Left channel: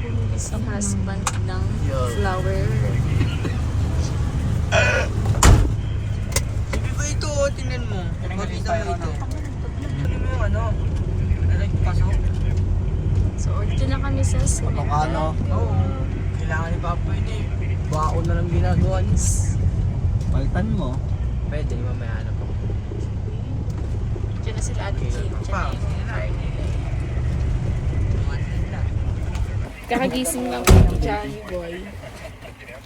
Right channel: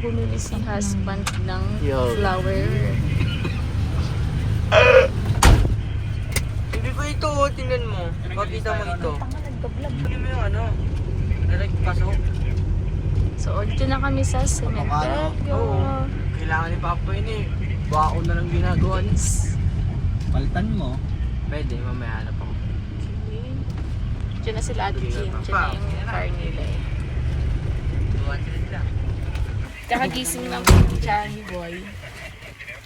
bumili si husband ng flower. Hindi ba ito? Tingnan mo. Pakita mo ito. Hindi mo yung ano? Direct pasok. So, dito na kami sa cementerio. Kailangan ni Papa yun eh. Baka ako na lang ginagawa niya. Kaltan mo. Pwede, mamaya na po. Diyan na sila Ate Kim. Diyan na yung car nila eh. Kakagising lang ko ng Johnny Boy.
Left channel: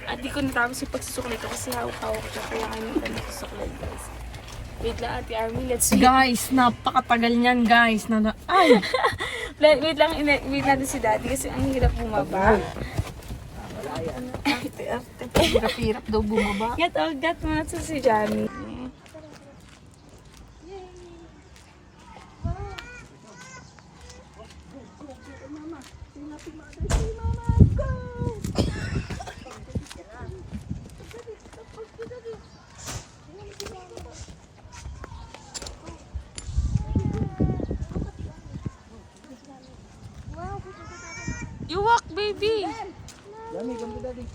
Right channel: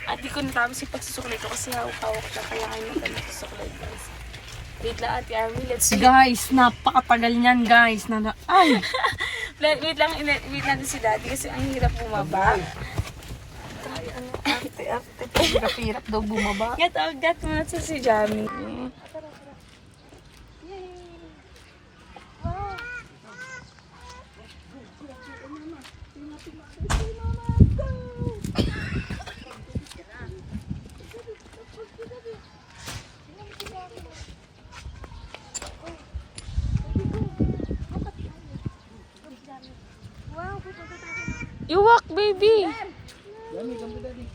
At di ko natapos yung pagsusuklay ko kasi hawak-hawak na kaya kayo natin nagsusuklay guys. Wait lang Ate Army, let's see. Guys, napakatagal niyan guys. Ay! Wait lang, wait natin si Daddy kasi ang hirap bumaba. Hirap daw bumaba. Gat mo na si Jamie. You walk, baby. Dami, ganda daddy.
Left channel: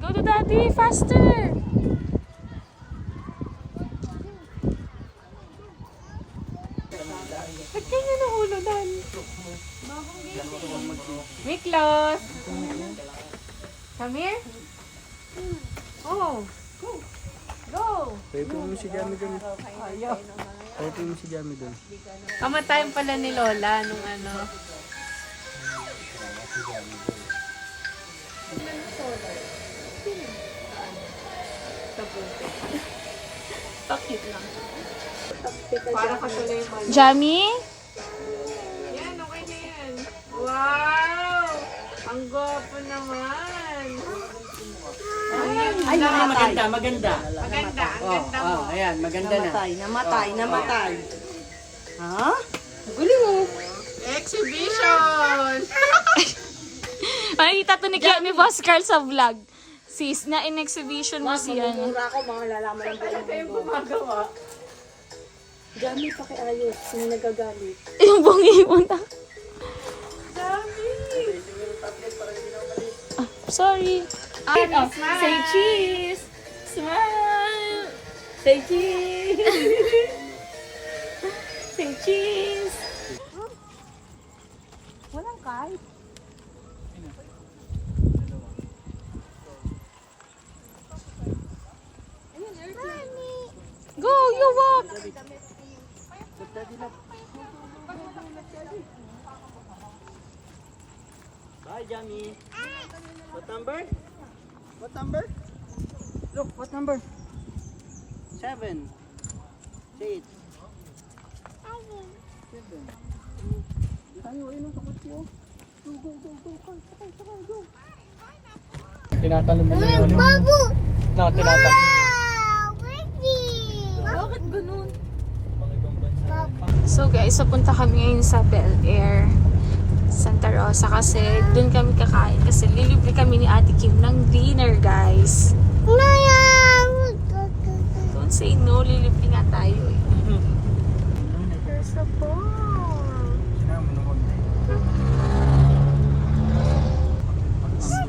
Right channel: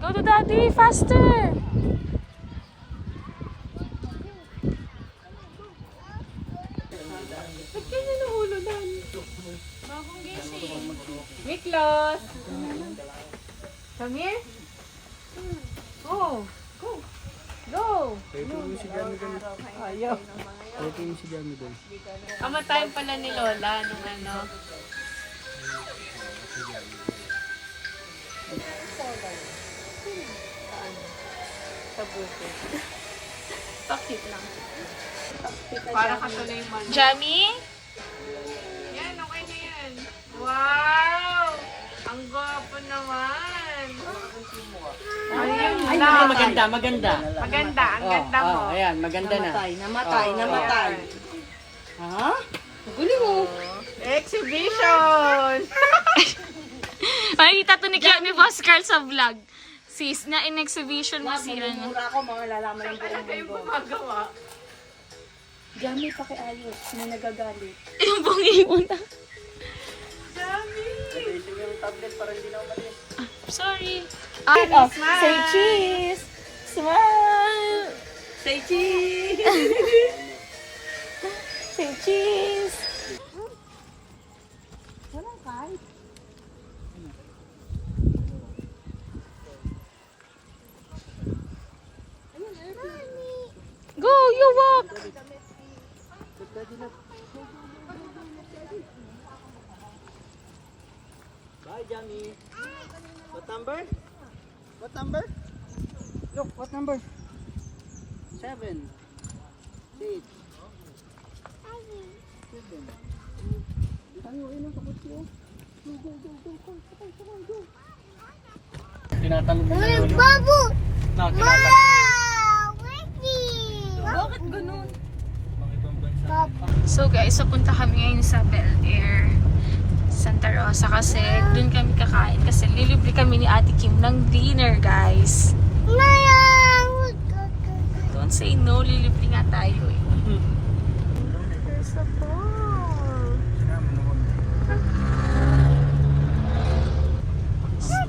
Go to Daddy, faster. Ba't ganyan ang ulo, Daddy? Miklos! Come here. Oh. Go! Pwede mo si Jamie doon. Ayaw. Pwede mo si Jamie doon. Kamatayan pala ni Lola nung ano. Pakit lang. Para ka tuloy mo. Jamie? Yan, okay na yan. Wow! Ang gwapo naman. Ay, namatay. Maganda. Maganda, ang ganda mo. Ayan, maganda na. Namatay. Ha? Guli mo. Exhibition! Makikita to ni Boss Carl sa vlog. Sis, na in exhibition mo si ano. Ako, mga lalaman lang po yung gumagawa. Dami pakiayos. May nagagalit. Yung bungi-bungi. Sorry. Say cheese. Smile. Say cheese! Say cheese. Walang kahit. Go, you walk. Bye, Jamie. What number? What number? Look, what number? 7. 8. 7. Tayo, ayun ang takot ko. Go. Sakay, go. Tinatalon nila yung ano. No, tinatalon. Bakit ganun? So guys, papunta kami ngayon sa Bel Air, Santa Rosa kasi doon kami kakain kasi lilibre kami ni Ate Kim ng dinner guys. Don't say no, lilibre nga tayo eh. There's a ball.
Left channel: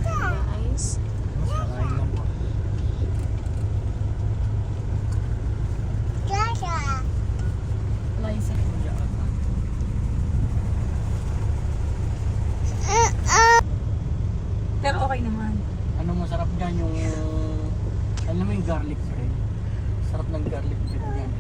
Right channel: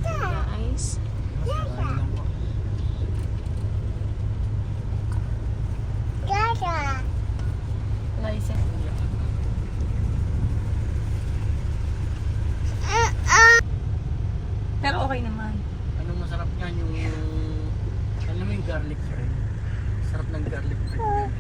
Guys. Pero okay naman. Ano masarap niyan yung... Alam mo yung garlic bread? Sarap ng garlic bread yan.